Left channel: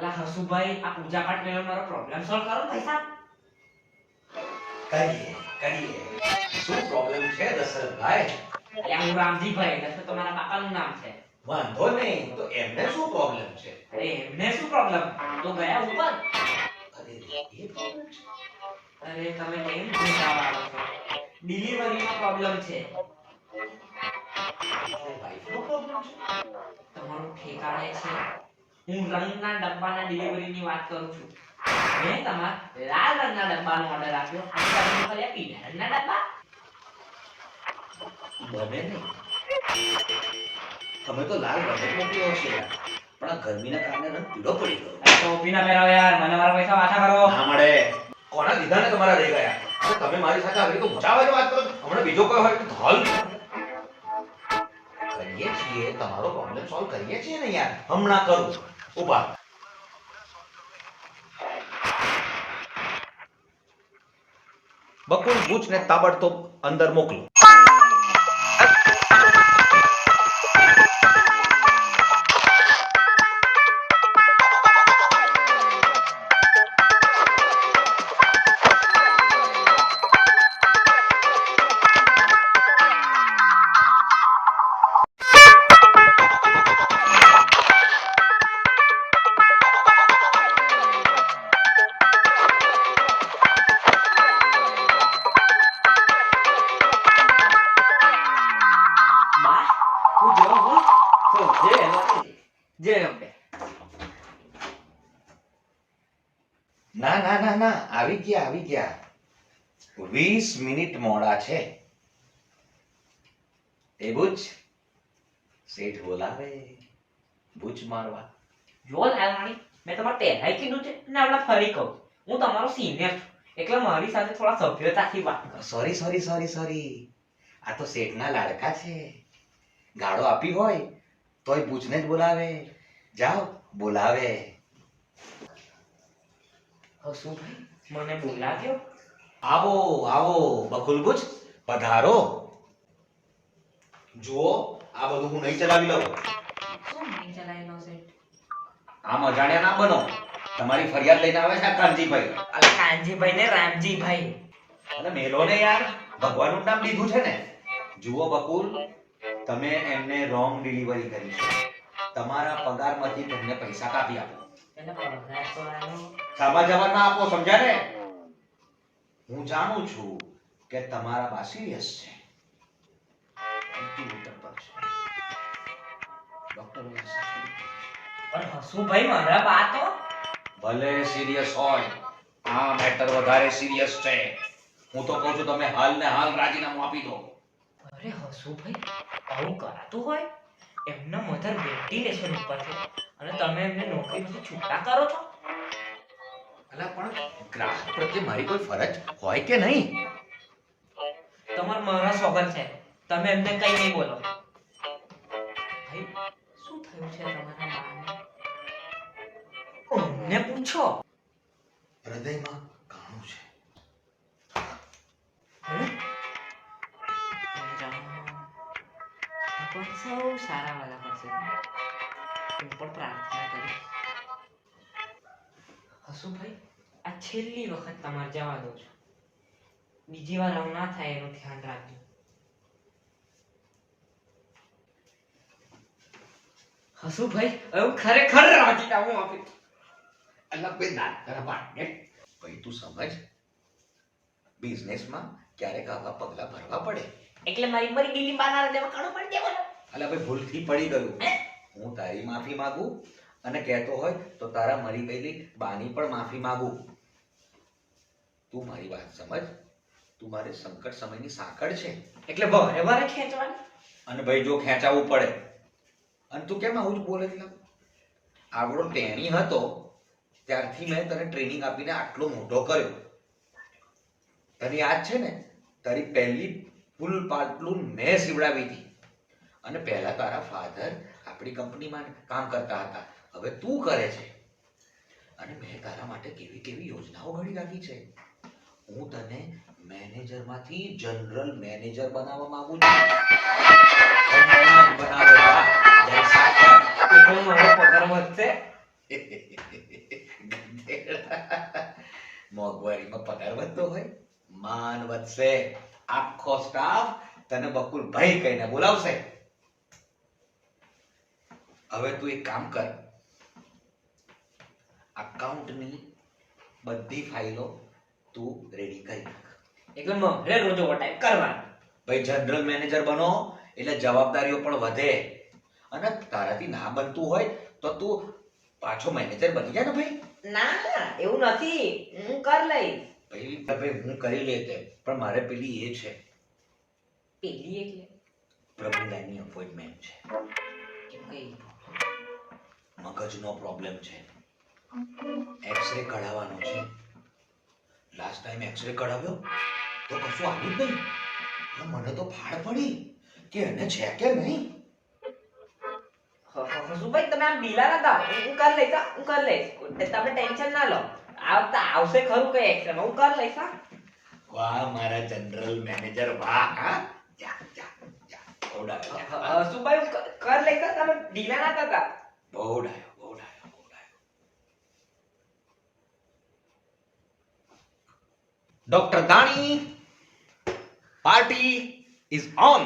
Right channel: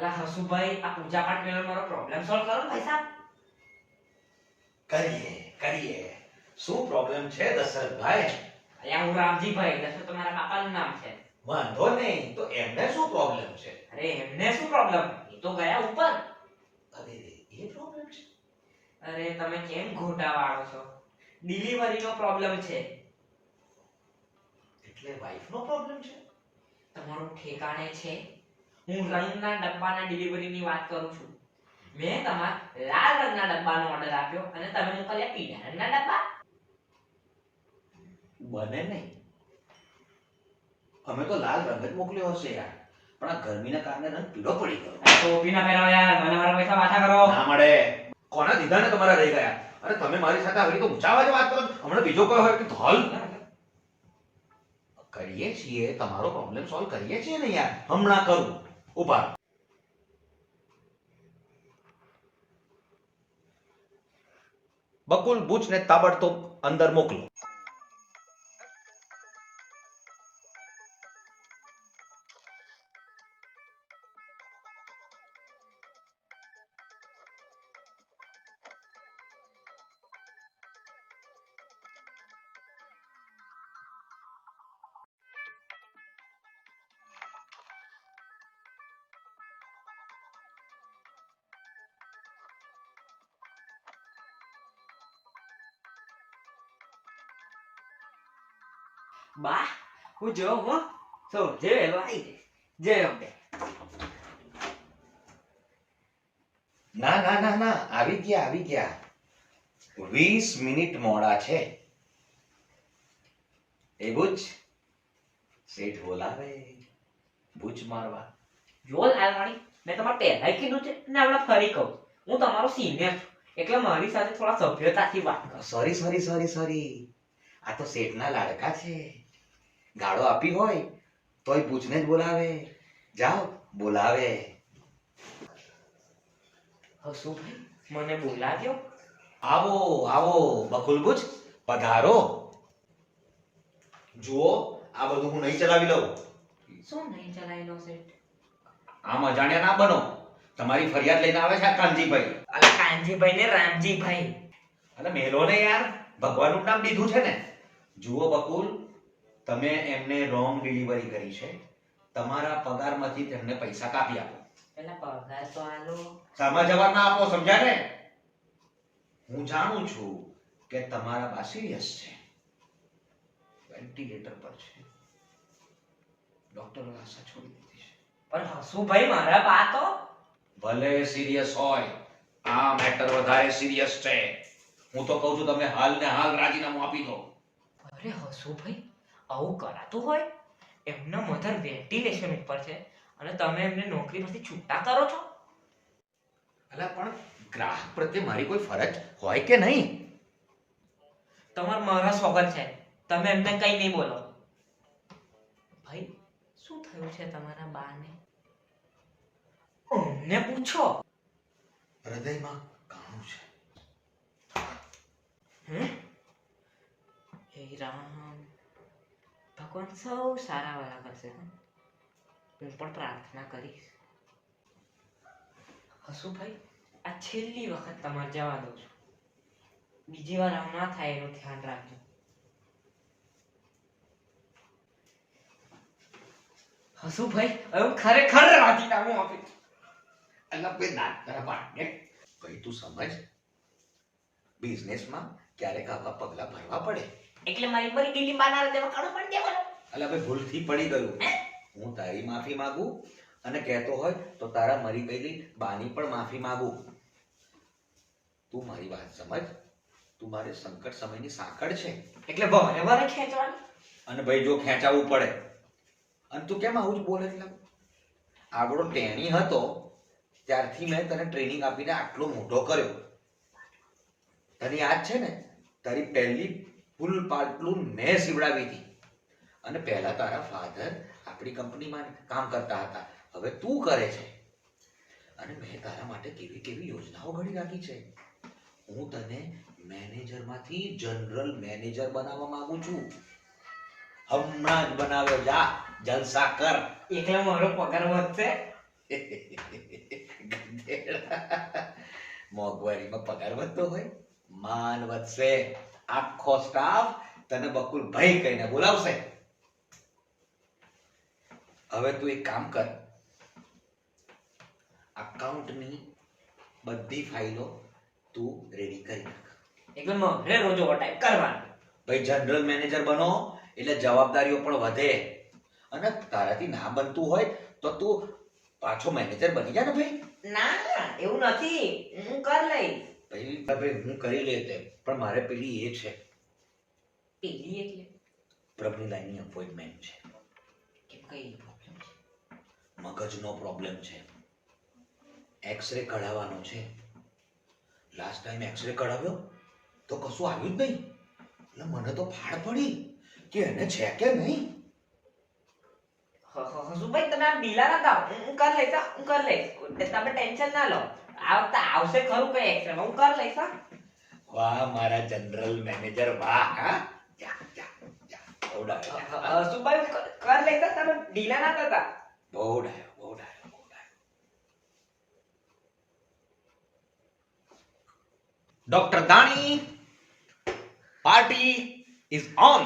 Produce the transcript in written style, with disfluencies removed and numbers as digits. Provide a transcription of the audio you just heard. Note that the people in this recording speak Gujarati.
અલા હસુભાઈ આ પૂજા પાઠ મેળો મારો પ્રોબ્લેમ સોલ્વ કરો ને ભાઈ સાહેબ. કરીએ શું પ્રોબ્લેમ છે દશરથભાઈ? અલ્યા હું રામજીભાઈ દશરથ તો મારા બાપાનું નામ છે. વાંધો નહીં, તો એમને શું પ્રોબ્લેમ છે? અરે એમને શું પ્રોબ્લેમ, તો ગયા ઉપર. અરે એ પ્રોબ્લેમ છે? અરે તમે કેમ ઘૂંટા વાળો છો, ડિલિવરીનો પ્રોબ્લેમ છે. એટલે વાઈફનો પ્રોબ્લેમ છે? તમારું ઠેકાણે છે. હું રંગના ડબ્બાના ડિલિવરીની વાત કરું છું. મેં તમારા લાલ રંગના ડબ્બાનો ઓર્ડર આપ્યો અને તમે મોકલ્યા પીળા રંગના ડબ્બા. બને નહીં. તમે તો લાલ રંગ જ મોકલ્યો હશે યાર, પણ આ ગરમીના કારણે રંગ પીળો પડી ગયો. ટોપી ના પહેરાવો યાર, મને મારા પૈસા પાછા કરો. ના મળે. કોના દીધાને તમારા રહી ગયા? અરે તમે મારી સાથે આવી તો ઊંચા અવાજે વાત કરો. હમણાં બીજો કોઈ હોય તો હલ કરીએ છીએ, તમારો પ્રોબ્લેમ સોલ્વ કરીએ છીએ ને યાર. હમણાં કરું, ઉભા. બકુલ બુચને તાબડતોબ અંદર મોકલો. બા હું જો હો તો જે લોટી જે અંબે. ના ના ના ના, આવી ગયા 20 મિનિટ મોડા છે. એ બુચ શેઠ બોલાવે બુચ મારવા. જો લાલવાણી, મેં તમારે પહેલાય કીધું છે ને હમણાં ફરી કહું, હું તમારો સિનિયર છું એટલે મારી સાથે થોડા સભ્યતાથી વાત કરો. સોરી. આ તો શેઠના લાડકા છે. ગાળો આપી હોય તોય બુચને જ બોલાવે. જાઓ બોલાવે. હસુભાઈ મને બોલાવ્યો. આવો બકુલ બુચ પધારો. જુઓ આ બધું હું નહીં ચલાવી લઉં. શું નહીં ચલાયેલો છે? આમ અજાણ્યા ના બનો. તમારી ફરિયાદ લઈને આવે છે આ કાનજીભાઈ. અલા કાનજીભાઈ ને રામજીભાઈ. અને મેલો ને યાર, ભગવાનનું નામ લીધું છે ને. જુઓ બકુલ, તમે એમને રોંગ ડિલિવરી કરી છે. તમારા પગારમાંથી તેમને પૈસા કાપી આપો. એટલે પગાર તો આલો. સામા જવાબ ના આપો, સમજ્યા ને? હું જાણું છું કે તમારા બા સિરિયસ છે, વેન્ટિલેટર પર છે, ડોક્ટરોએ સાચું. પણ હસુભાઈ મારા બા તો ભલે સિરિયસ હોય, આ મેટર વધારે સિરિયસ છે. હું તો કહું છું તમે હાલ ને હાલ રાજીનામું આપી દો. અરે હસુભાઈ આવું કરાતું હોય? એમના મધર વેન્ટિલેશન ઉપર છે અને તમે એમને નોકરીમાંથી છૂટા કરો છો? અલા પણ ગ્રાહક પ્રત્યે મારી કોઈ ફરજ હોય કે નહીં? તમાર મારા સ્વાગત છે, તમે એમને કઈ નહીં બોલો. ભાઈ શું થયું છે તમારા બાને? અમને પૂછો. હૃદયમાં કાણું છે. હે રામ, ભગવાન સૌ સારા વાલા કરશે. હું પણ પ્રાર્થના કરીશ. હસુભાઈ આ છેલ્લી વખત તમારે જવા દઉં છું. બીજી વાર આવું ના થાય એનું ધ્યાન રાખજો. હસુભાઈ હવે હું ખરેખર રાજીનામું આપી. અલ્લા બે દાંત તારા પાડને. ભાઈ તું સમજ, બિઝનેસમાં ક્યારેક આવા પગલા ભરવા પડે. એટલે મારી મરી ગયેલી બાના દેવા કાઢો પડી દેવાનો. અલ્લા ભાઈ ભૂલથી પડી ગયું. હું તારી માફી માંગુ અને કહેતો હોય તો તારા મરી ગયેલી બાની પણ માફી માંગુ. તું મારી વાત સમજ. તું મારે સંકટ સમયની સાંકળ છે. એટલે વારે વારે ખેંચવાની. અને ભાઈ જો ખેંચાવવું પડે. અને તું કેમ આવું જ બોલે છે? આગળો ટેણી હતો ત્યારથી મેં તને ટ્રેનિંગ આપીને આટલો મોટો કર્યો. તને યાદ છે ને, તારી પહેલી ફૂલ પાટલું મેં સીવડાવી હતી. અને પહેલા તારા ફાધર આપણી કંપનીમાં કામ કરતા હતા, હવે તું કરે છે. અને મેં તારા માટે કેવી કેવી યોજનાઓ ઘડી રાખી છે. હું તને મેનેજરમાંથી જનરલ મેનેજર બનાવવા માંગુ છું. હમણાં બનાવે. વાહ, જલસા કર. એટલે મારો પગાર વધશે. મોંઘવારીમાં પગાર વધતો હોય, માન વધશે, આખો સ્ટાફ તને બકુલભાઈ કહીને બોલાવશે. હવે તું એક કામ કર, અકાઉન્ટની બધી ફાઇલો તું રેડી કરી નાખ. એટલે મારે રોજ ઓવરટાઈમ કરવાનો. ભાઈ જનરલ મેનેજર બનો એટલે જવાબદારીઓ પણ વધે, અને તારાથી ના બનતું હોય તો તું પાછો મેનેજર બની જા ને ભાઈ. ના એવું નથી, હું કરી લઈશ. ભાઈ હું કરી લે તેમ, પણ મારે પેલી એ છે, પેલી એટલે પ્રભુલાની અપોઇન્ટમેન્ટ છે. કેમ કઈ મગજનો પ્રોબ્લેમ છે, એક્સરે કઢાવવાનો છે. લાસ્ટ ટાઈમ એક્સરે કઢાવ્યો તો કશું આવ્યું જ નહીં. એટલે મને તો ફાળ પડી કે એને છે કે નહીં. હસુભાઈ તમે આમ ઢીલા ના થાઓ, હું કરી લઈશ હા, હું કરી લઈશ. તમે ટેન્શન ના લો, આ વખતે આવશે ખરું કઈ એક્શન, હું કરી લઈશ હા. વાહ મારા જનરલ મેનેજર વાહ. હા જા જા જા, બહુ ડાયો, હસુભાઈ હું કરી લઈશ હા, તમે ઢીલા ના થતા. બહુ ડાયો, બહુ ડાયો, બહુ ડાયો. Doctor Dani, party is on.